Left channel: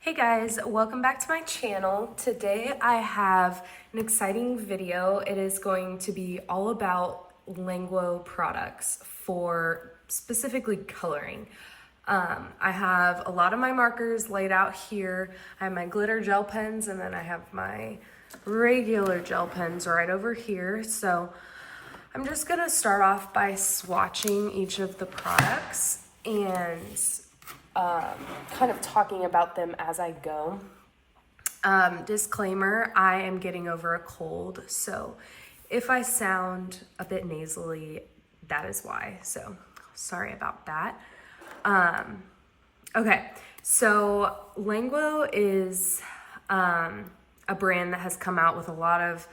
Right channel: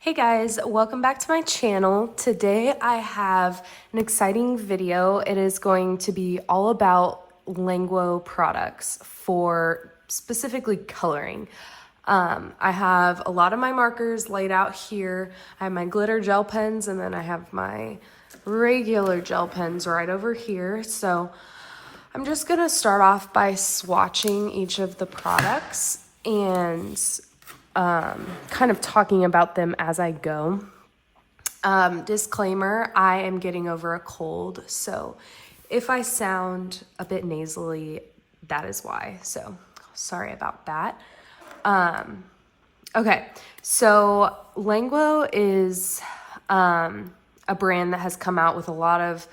Hey guys, welcome back to my channel. Today I have an exciting video. It is going to be all about Languo products for specifically coloring. I have a lot of my markers laid out here. I have my glitter gel pens and then I have my regular gel pens right over here. So I'm just gonna start off by swatching each of the products and kind of talking about them as I go. Disclaimer, I am getting over a cold, so if I sound a bit nasally, that is why. So sorry about that. Okay, so Languo is a brand that has come out with a lot of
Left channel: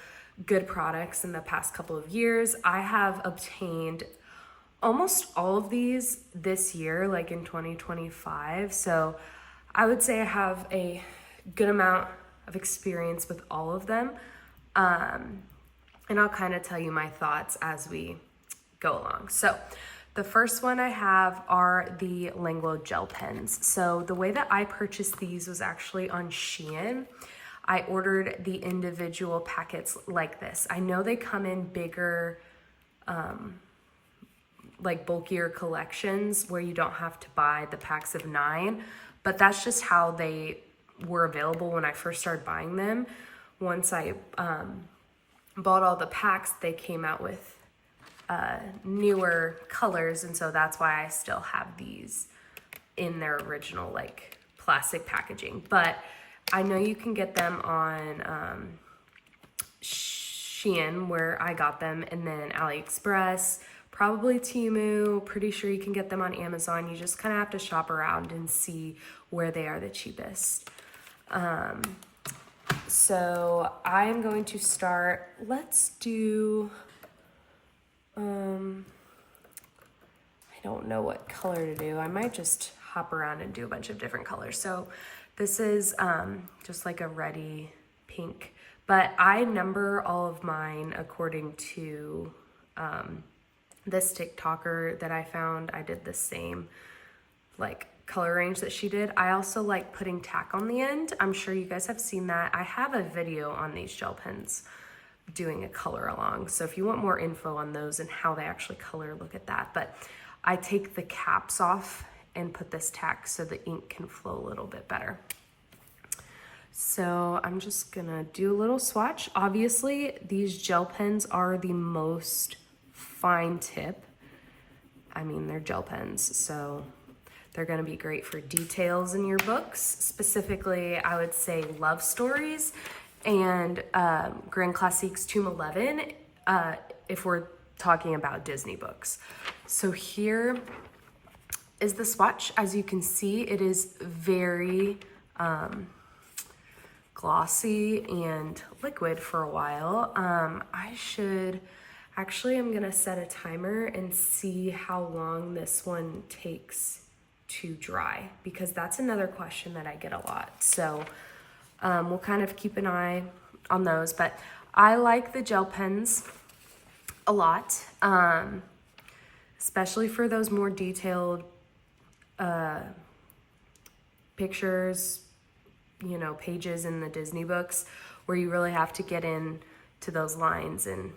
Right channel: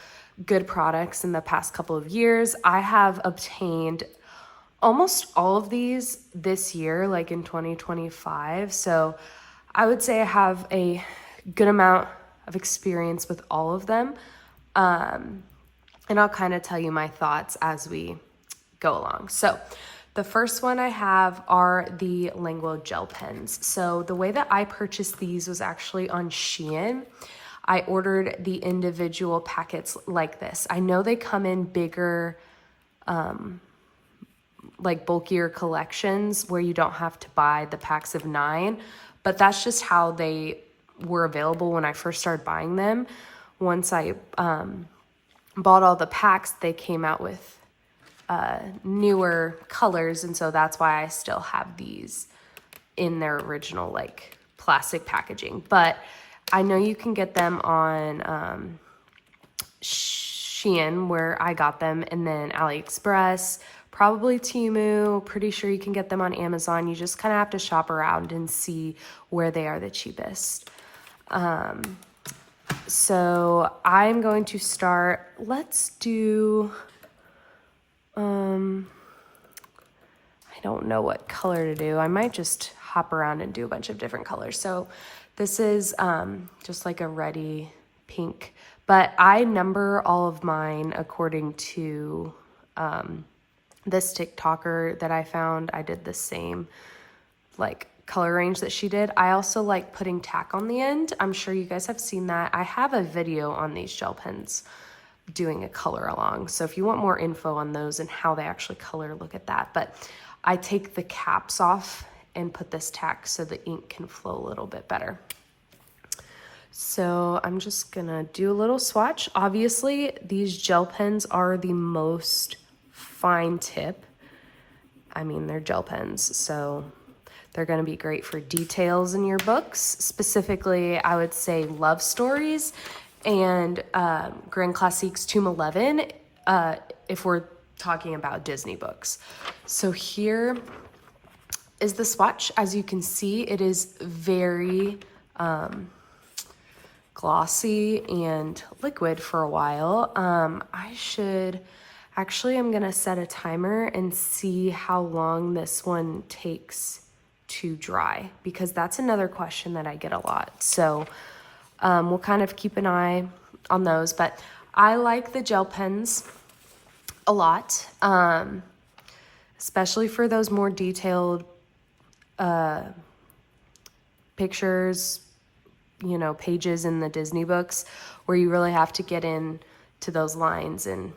good products in the past couple of years. I have obtained almost all of these this year, like in 2025. So I would say I have a good amount of experience with all of them. And I'll kind of tell you my thoughts as we go along. So the first one I have are the Languo gel pens. So the way that I purchased these was actually on SHEIN. I ordered the individual packets like this. I know they come in bigger, like bulkier collections where you don't have to buy the packs of 9, but that's just how they were available when I first started buying them. Once I bought all the packs, they came out with newer colors, and so that's why I still have these in their original like plastic packaging. But I know you can get them on SHEIN, where I got them, and then AliExpress, probably Temu. Pretty sure you can get them on Amazon. You just kind of have to shop around and see where they are the cheapest. So I'm going to start, let's do, I don't know what color to do. I might just hop around and do a bunch of different colors. So this is just like a reddy pink, but I number all of mine according to this TikToker that I found. I did the same like color range that she did. I also like putting tack on the end. I'm sure you guys have seen that. I have a video on these gel pens doing a color along. So if you want more info on those and how they actually color, look at that. But I take the caps off and put this tack so the ink can flow a little bit better. So I'm just gonna do a little swatch. Obviously, these gel pens are the most fine tip. I mean, they're gel pens, so they're gonna be great for details in your books. Specifically, I would say love stories and Grand Classiques Tome 11, if we're talking about Disney books. So here is the swatch. As you can see, it is very glossy and liquid for a while. I'm gonna set a timer and see how long this one takes to dry, because that's another question that I get a lot. So we'll kind of keep an eye on those, but I like the gel pens a lot, especially for those more detailed pictures, you know, pages in the Disney books where you really have to get in to those lines and,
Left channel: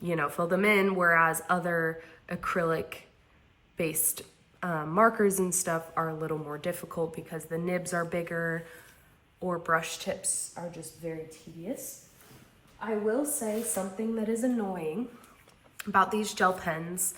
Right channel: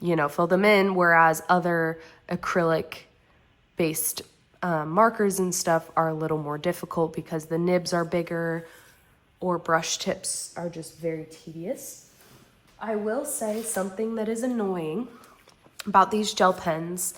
you know, fill them in, whereas other acrylic based markers and stuff are a little more difficult because the nibs are bigger or brush tips are just very tedious. I will say something that is annoying about these gel pens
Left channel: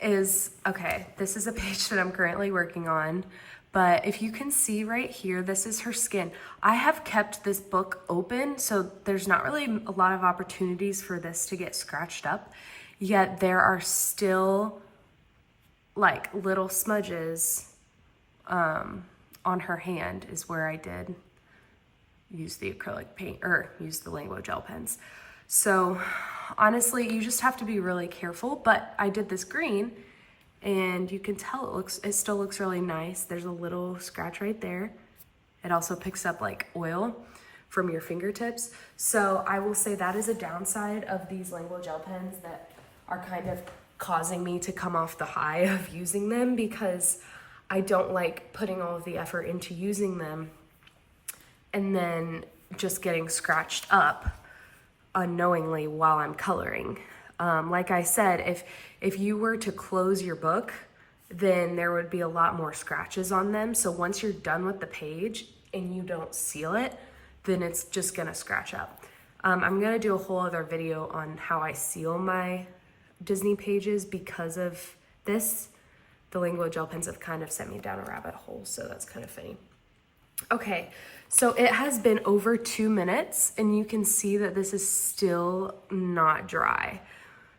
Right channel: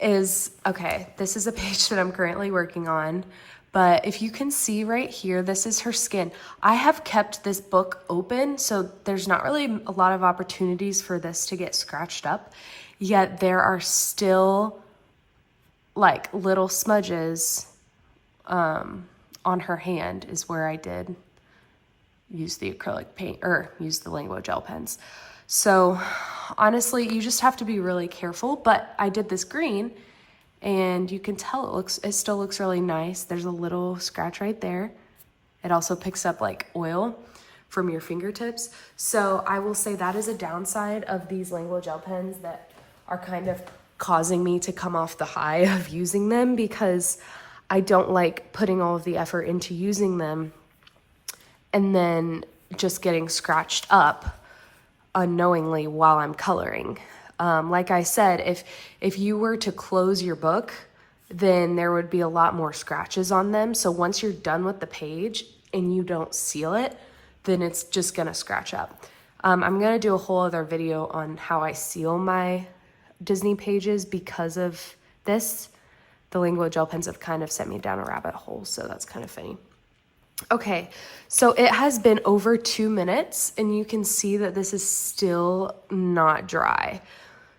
is, okay, this is a page that I'm currently working on, but if you can see right here, this is her skin. I have kept this book open, so there's not really a lot of opportunities for this to get scratched up, yet there are still like little smudges on her hand is where I did use the acrylic paint or use the Languo gel pens. So honestly, you just have to be really careful, but I did this green and you can tell it still looks really nice. There's a little scratch right there. It also picks up like oil from your fingertips. So I will say that is a downside of these Languo gel pens that are kind of causing me to come off the high of using them, because I don't like putting all of the effort into using them and then just getting scratched up unknowingly while I'm coloring. Like I said, if you were to close your book, then there would be a lot more scratches on them. So once you're done with the page and you don't seal it, then it's just gonna scratch up. I'm gonna do a whole other video on how I seal my Disney pages because of this. The Languo gel pens have kind of sent me down a rabbit hole, so that's kind of funny. Okay, so it has been over 2 minutes and you can see that this is still not dry.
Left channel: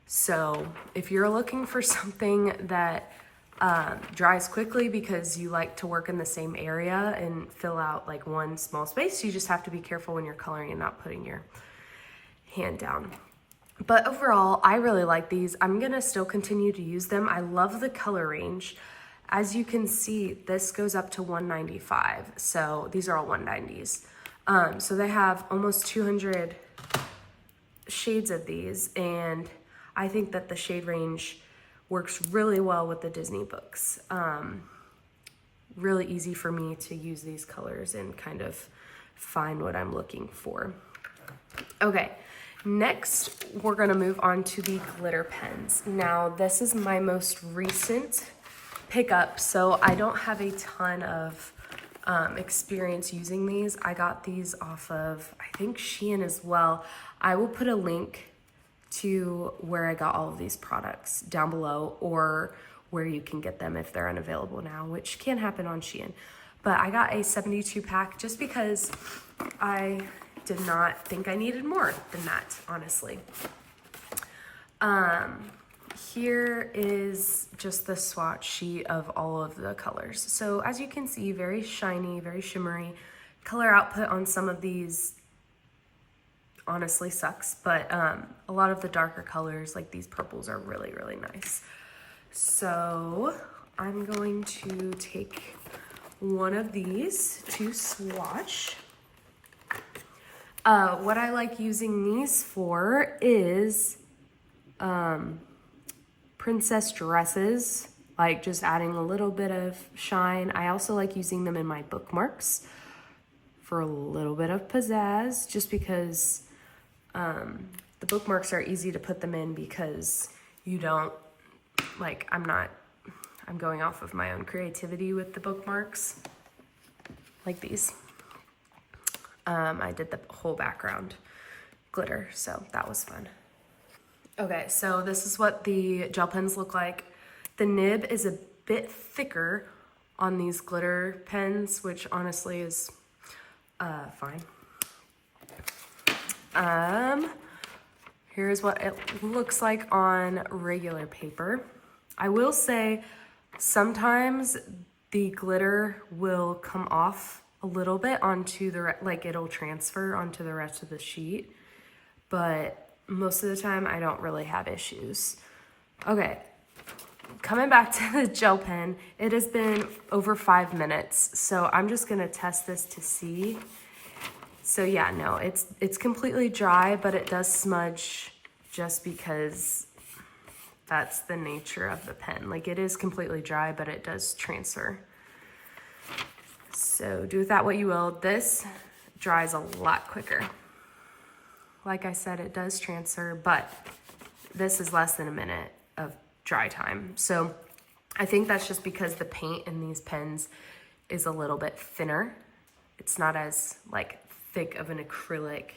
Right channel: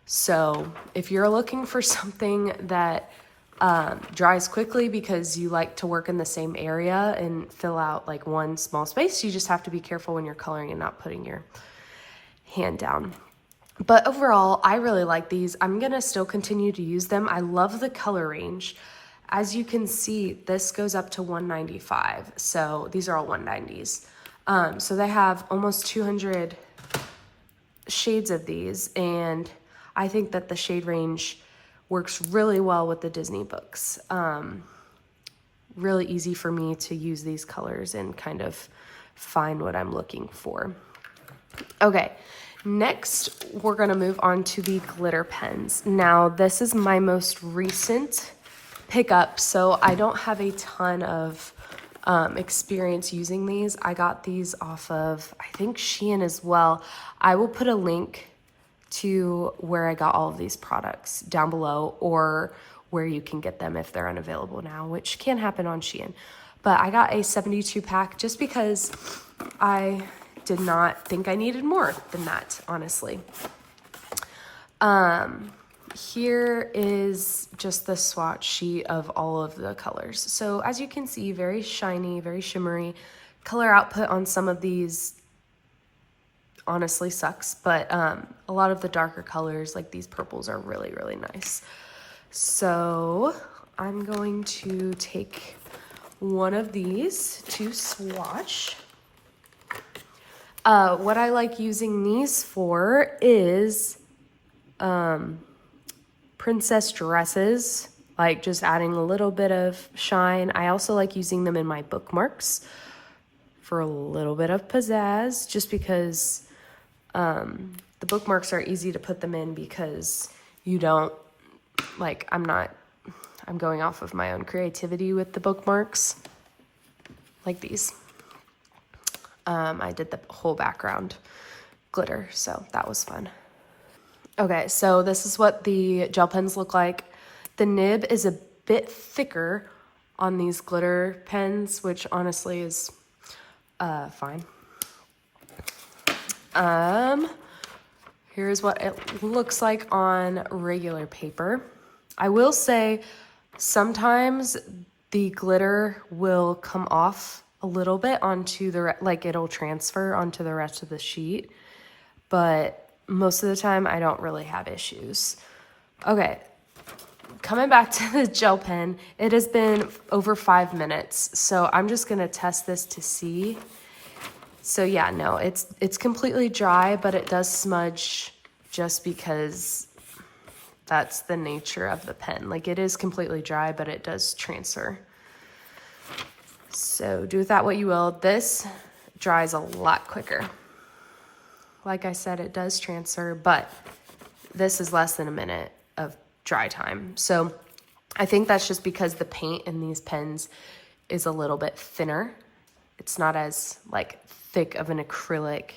So if you're looking for something that dries quickly because you like to work in the same area and fill out like one small space, you just have to be careful when you're coloring and not putting your hand down. But overall, I really like these. I'm gonna still continue to use them. I love the color range. As you can see, this goes up to 195. So these are all 190s. So they have almost 200 shades of these, and I think that the shade range works really well with the Disney books. Really easy for me to use these colors and kind of find what I'm looking for. Okay, next we're gonna move on to the glitter pens. Now this is my most recent pickup, so I don't have a ton of experience using these. I got these off of, I think, SHEIN as well. I will put a link to where I got all of these products down below, or where you can get them if they're unavailable now, which can happen on SHEIN. But I got a 72 pack just because I did not think I needed more than that, honestly. Here is just the swatch sheet of all of the colors. So as you can see, very shiny, very shimmery. Color output on some of these honestly sucks, but a lot of the darker colors, like these purples, are really, really nice. So I'm going to take one of these to swatch. What I like using these for is princess dresses, like just adding a little bit of shine. I also like using them in my bookmarks for a little bit of pizzazz, just because the bookmarks are easy to put them in because you don't, like, I'm going off of my own creativity with the bookmarks, like these. I did the whole background glitter, so that was fun. Okay, so this is what the gel pens look like. The nib is a bit thicker on these glitter pens, which honestly is fine. Here's what it looks like on regular paper. I will say sometimes the glitter will come off a little bit onto the, like it'll transfer onto the rest of the sheet, but most of the time I don't really have issues. Okay, coming back to the gel pen, it has been over 5 minutes, so I'm just gonna test this to see. So yeah, no, it's completely dry, but it does smudge just because that's the nature of the pen. Like, it is completely dry, but it does transfer. So do with that what you will. This dries a lot quicker. Like I said, it does transfer, but this is less than a minute of dry time. So I think that's just because the paint in these pens is a little bit thinner. It's not as like thick of an acrylic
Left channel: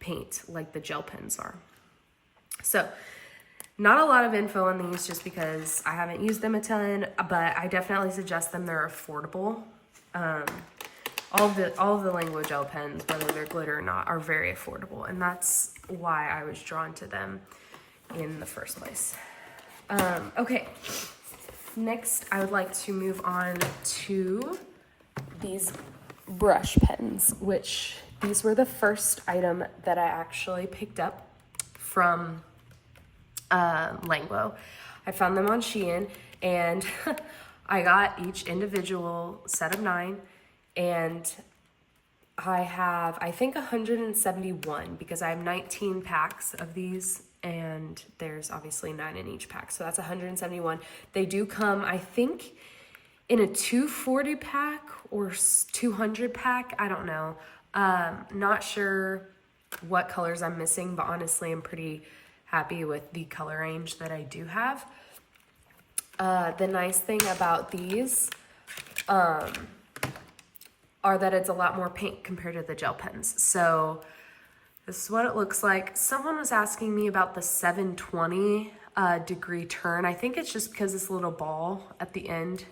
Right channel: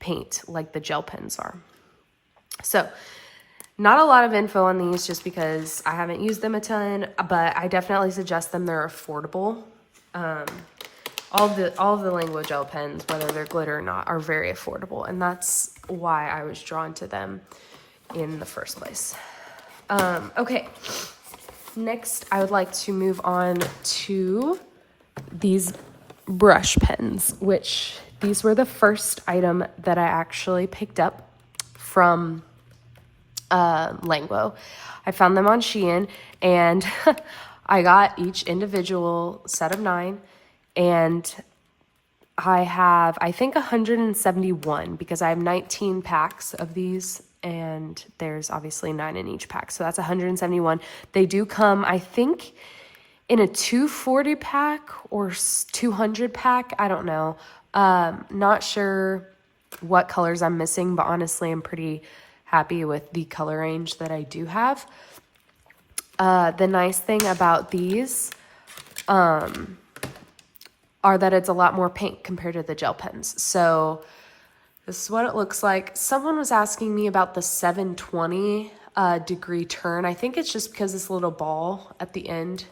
paint like the gel pens are. So not a lot of info on these just because I haven't used them a ton, but I definitely suggest them. They're affordable. All of the Languo gel pens, whether they're glitter or not, are very affordable, and that's why I was drawn to them in the first place. Okay, next I would like to move on to these brush pens, which these were the first item that I actually picked up from Languo. I found them on SHEIN, and I got each individual set of 9, and I have, I think, 171 because I have 19 packs of these, and there's obviously 9 in each pack, so that's 171. They do come, I think, in a 240 pack or 200 pack, I don't know, Not sure what colors I'm missing, but honestly, I'm pretty happy with the color range that I do have. The nice thing about these are that it's a lot more pink compared to the gel pens. So this is what it looks like. Someone was asking me about the 720 degree turn. I think it's just because this little ball at the end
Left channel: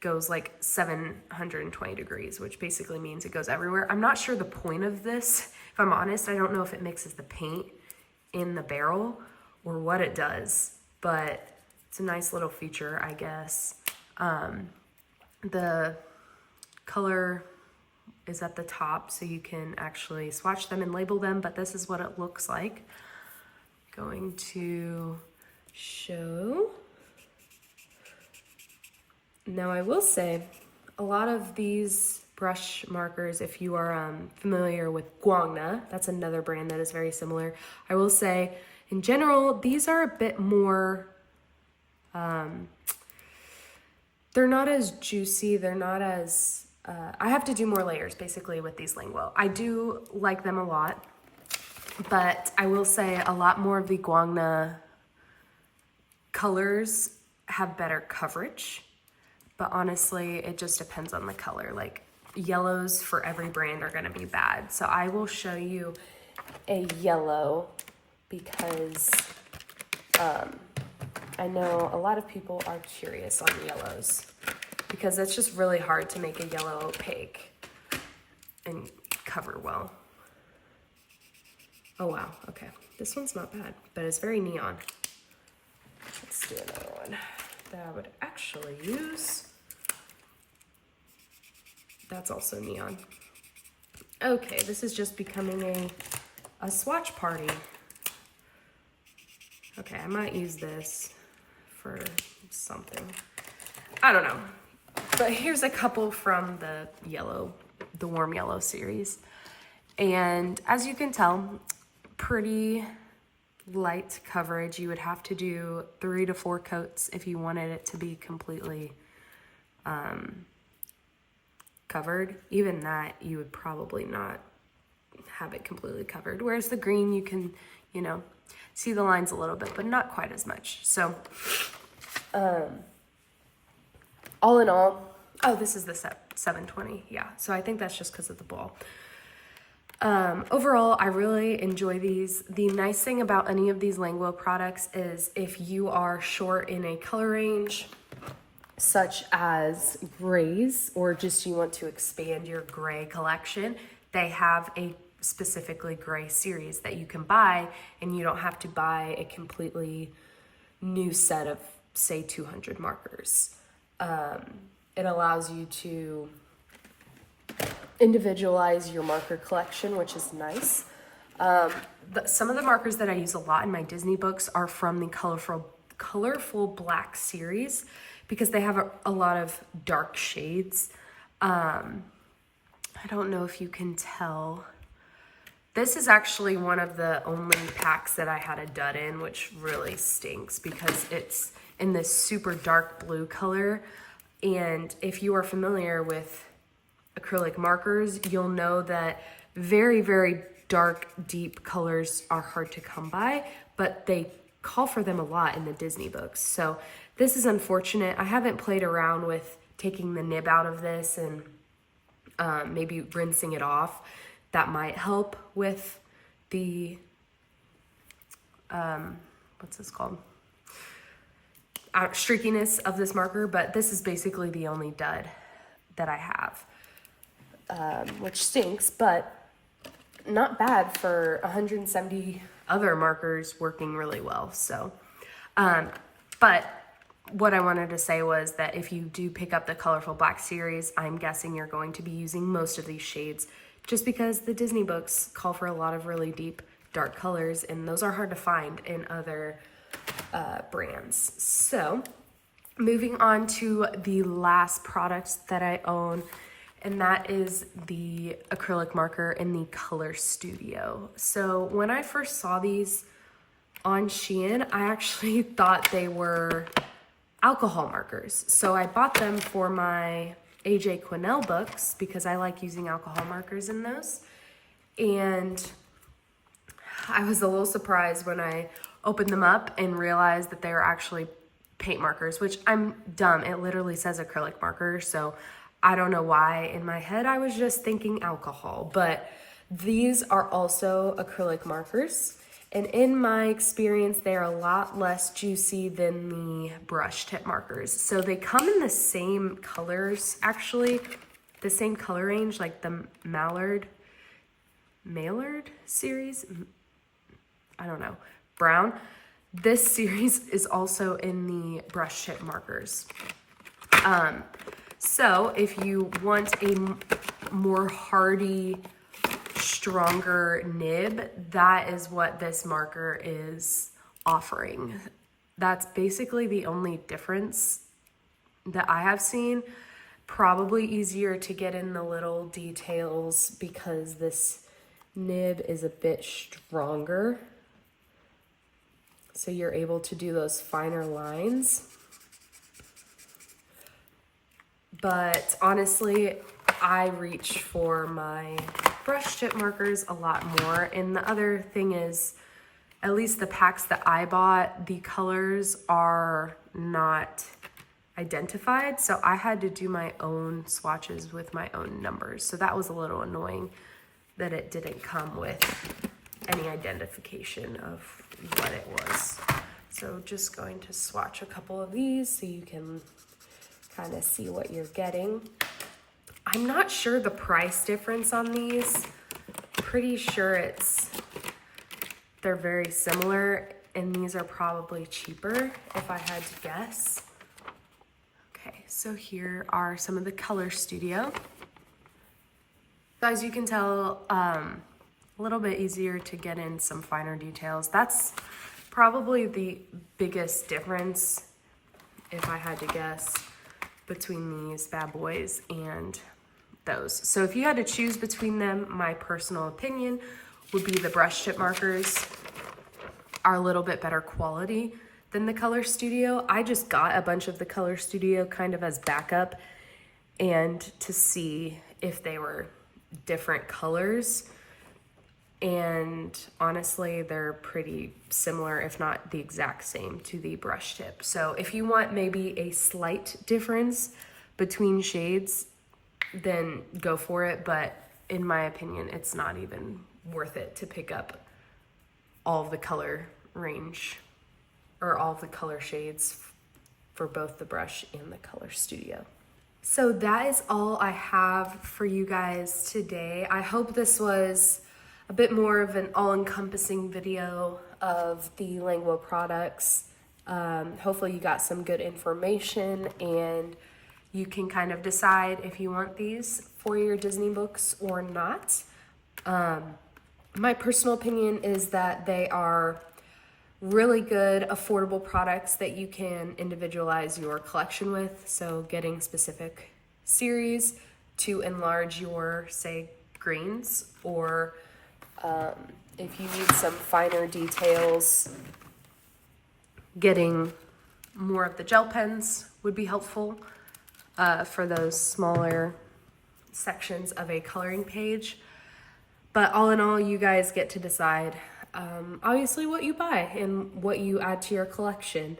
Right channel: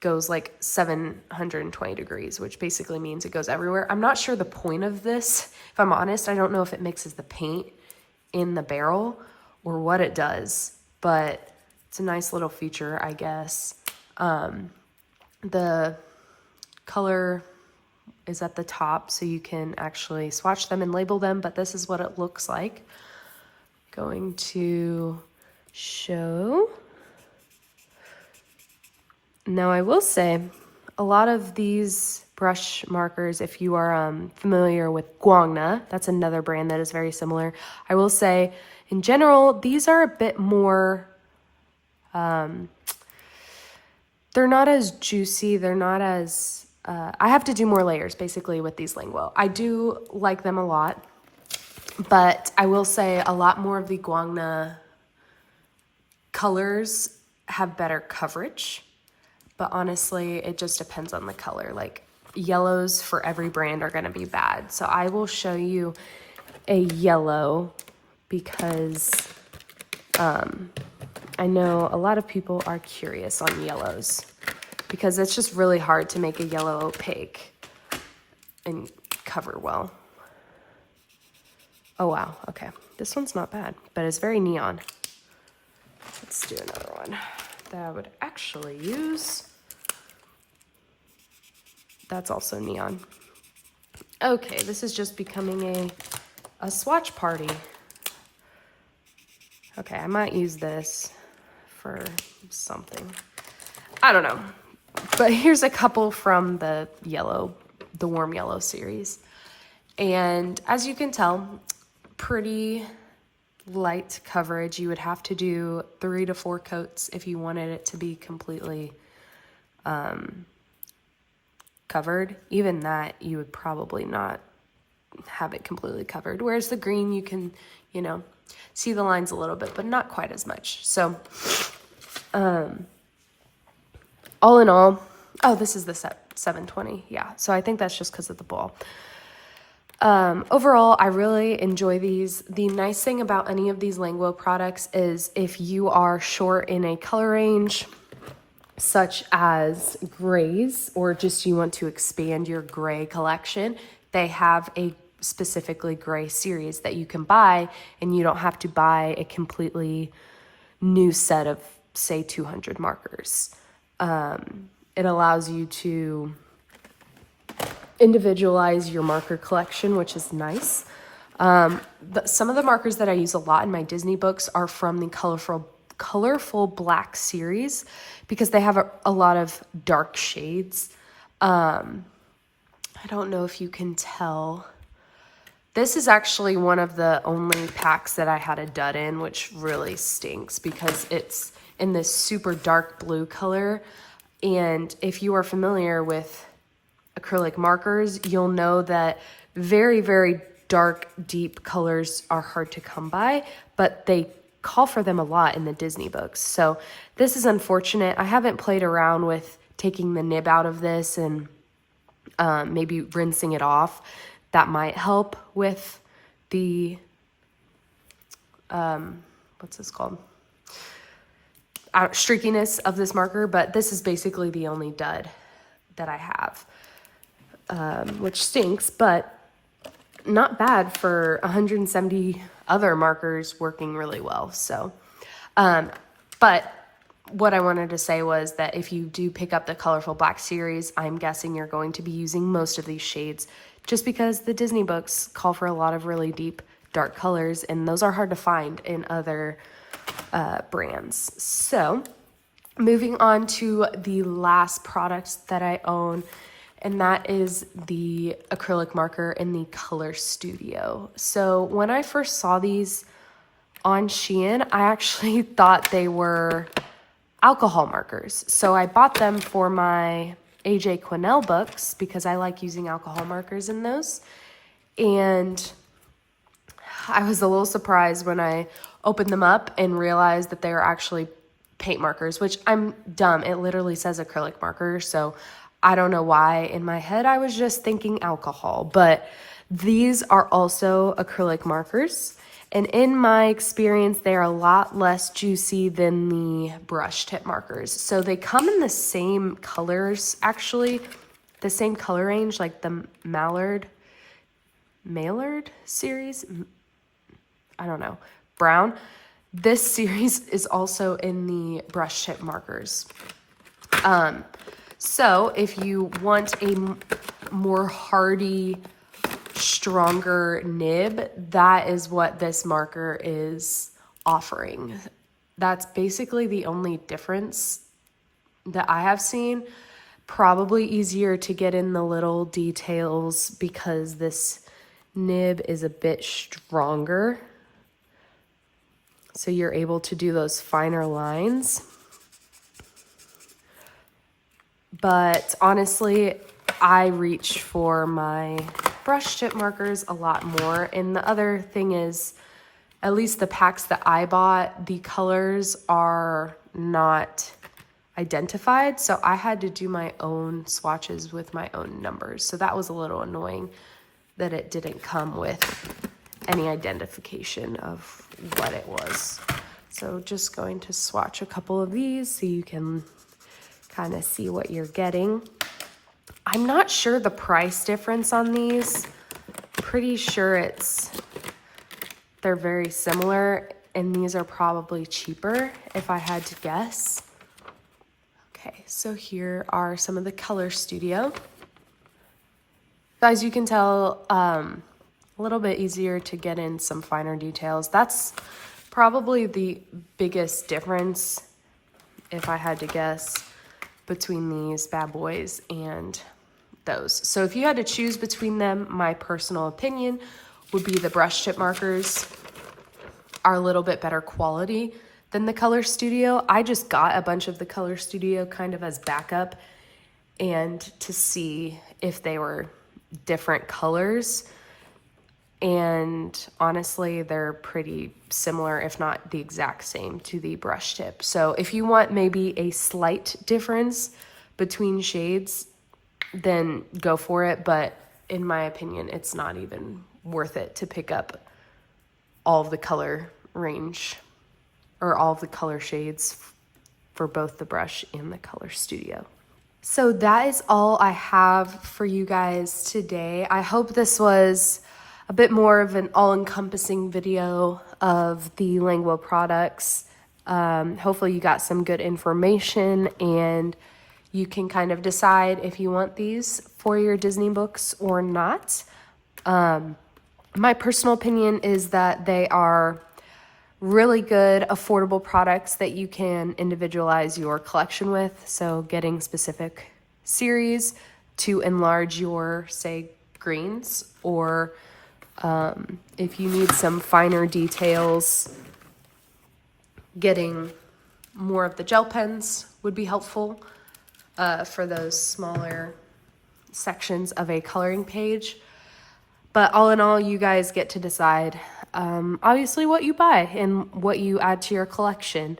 goes like 720 degrees, which basically means it goes everywhere. I'm not sure the point of this. If I'm honest, I don't know if it mixes the paint in the barrel or what it does, but it's a nice little feature, I guess. The color is at the top, so you can actually swatch them and label them, but this is what it looks like. Going to show. Now, I will say, a lot of these brush markers, if you are familiar with Guangna, that's another brand that is very similar. I will say, in general, these are a bit more, they're not as juicy, they're not as, I have to do more layers, basically, with these Languo. I do like them a lot, but I will say a lot more of the Guangna colors have better coverage. But honestly, it just depends on the color. Like, yellows for every brand are gonna be bad. So I will show you a yellow because I know a lot of people are curious on yellows because it's just really hard to make a yellow opaque and cover well. Oh wow, okay. This one's not bad, but it's very neon. Let's do another one that I would actually use. That's also neon. Okay, this is just becoming a swatch party. Okay, I might use this for something. I don't know. But here's a couple from the yellow, the warm yellow series. And as you can tell, pretty light coverage. You would have to do 3 to 4 coats if you wanted it to be completely covered. Even that, you would probably not have it completely covered. Whereas the green, you can, you know, see the lines a little bit, but not quite as much. So, all in all, oh, this is the 720. Yeah, so I think that's just because of the ball. Overall, I really enjoy these. The nice thing about any of these Languo products is if you are short in a color range, such as grays, or just you want to expand your gray collection, they have a specifically gray series that you can buy, and you don't have to buy a completely new set of, say, 200 markers. It allows you to individualize your marker collection, which is nice. Some of the markers that I use a lot in my Disney books are from the colorful black series because they have a lot of dark shades. I don't know if you can tell. This is actually one of the only packs that I had a dud in, which really stinks because it's in this super dark blue color. And if you are familiar with acrylic markers, you'll know that very, very dark, deep colors are hard to come by, but they call for them a lot in the Disney books. So this is unfortunate. I haven't played around with taking the nib out of this and maybe rinsing it off. That might help with the, what's this called? Streakiness of this marker, but this is basically the only dud that I have, which stinks, but not bad for 170 other markers working really well. So, but what I wanted to say was that if you do pick up the Colorful Black series, I'm guessing you're going to be using most of these shades just because the Disney books call for a lot of really deep, dark colors, and those are hard to find in other brands. So moving on to the last product that I own, and that is the acrylic marker in the Color Studio. So when I first saw these on SHEIN, I actually thought they were alcohol markers. So I bought them for my AJ Quinnell books because I like using alcohol markers in those. And I was a little surprised when I opened them up and realized that they are actually paint markers, which I'm dumb. It literally says acrylic marker, so I don't know why. In my head, I was just thinking alcohol, but these are also acrylic markers. And in my experience, they're a lot less juicy than the brush tip markers. So they come in the same colors, actually, the same color range, like the Mallard series. I don't know, brown. This series is also in the brush tip markers. So if you want a more hardy, stronger nib, that is what this marker is offering. That's basically the only difference that I have seen. Probably easier to get in the little details because this nib is a bit stronger. So you're able to do those finer lines. But honestly, I reach for my brush tip markers a lot more. And the other thing is, at least the packs that I bought, the colors are not identified. So I had to do my own swatches with my own numbers. So that was a little annoying that it didn't come with any identification of what it was. So just going to swatch a couple of these so you can kind of see what you're getting. I'm not sure the price difference on these. Pretty sure they're very similar, and these are probably cheaper if I had to guess. Okay, so here are some of the Color Studio. As you can tell, a little bit easier to get in some finer details. That's probably the biggest difference, if I had to guess, between these bad boys and those. So if you had to choose between them, my personal opinion would be the brush tip markers are a little bit better quality than the Color Studio. I just got a bunch of the Color Studio kind of as backup and to see if they were different colors. And honestly, they're pretty similar, if not the exact same, to the brush tip. So if you want maybe a slight difference between shades, then go for it. But in my opinion, it's not even worth it to pick up all of the color range or all of the color shades for both the brush and the Color Studio. So that is all I have for you guys today. I hope this was a bit more of an all-encompassing video of the Languo products. Hopefully you got some good information and you can kind of decide if you want these for your Disney books or not. My personal opinion is that they are really good, affordable products that you can individualize your collection with. So getting specific series to enlarge your, say, greens, or if you need some finer details, getting more of the gel pens would be helpful for those smaller sections of a coloring page. But all in all, you guys get to decide obviously what you buy and what you add to your collection.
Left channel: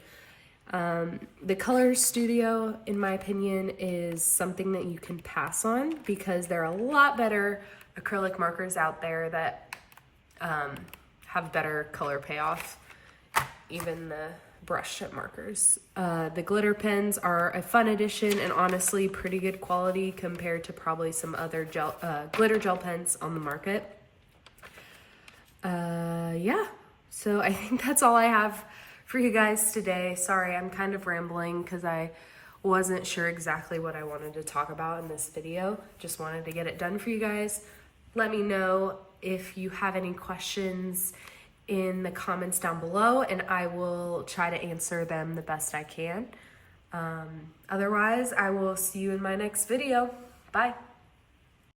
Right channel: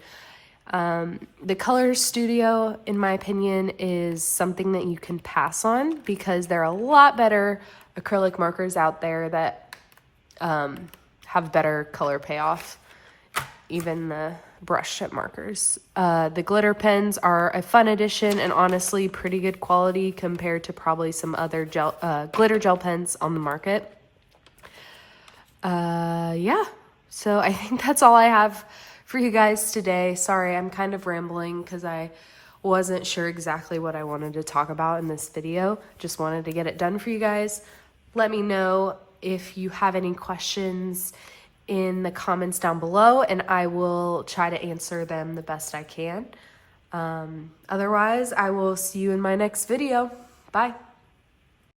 The Color Studio, in my opinion, is something that you can pass on because there are a lot better acrylic markers out there that have better color payoff, even the brush tip markers. The glitter pens are a fun addition and honestly pretty good quality compared to probably some other glitter gel pens on the market. Yeah, so I think that's all I have for you guys today. Sorry, I'm kind of rambling because I wasn't sure exactly what I wanted to talk about in this video. Just wanted to get it done for you guys. Let me know if you have any questions in the comments down below, and I will try to answer them the best I can. Otherwise, I will see you in my next video. Bye.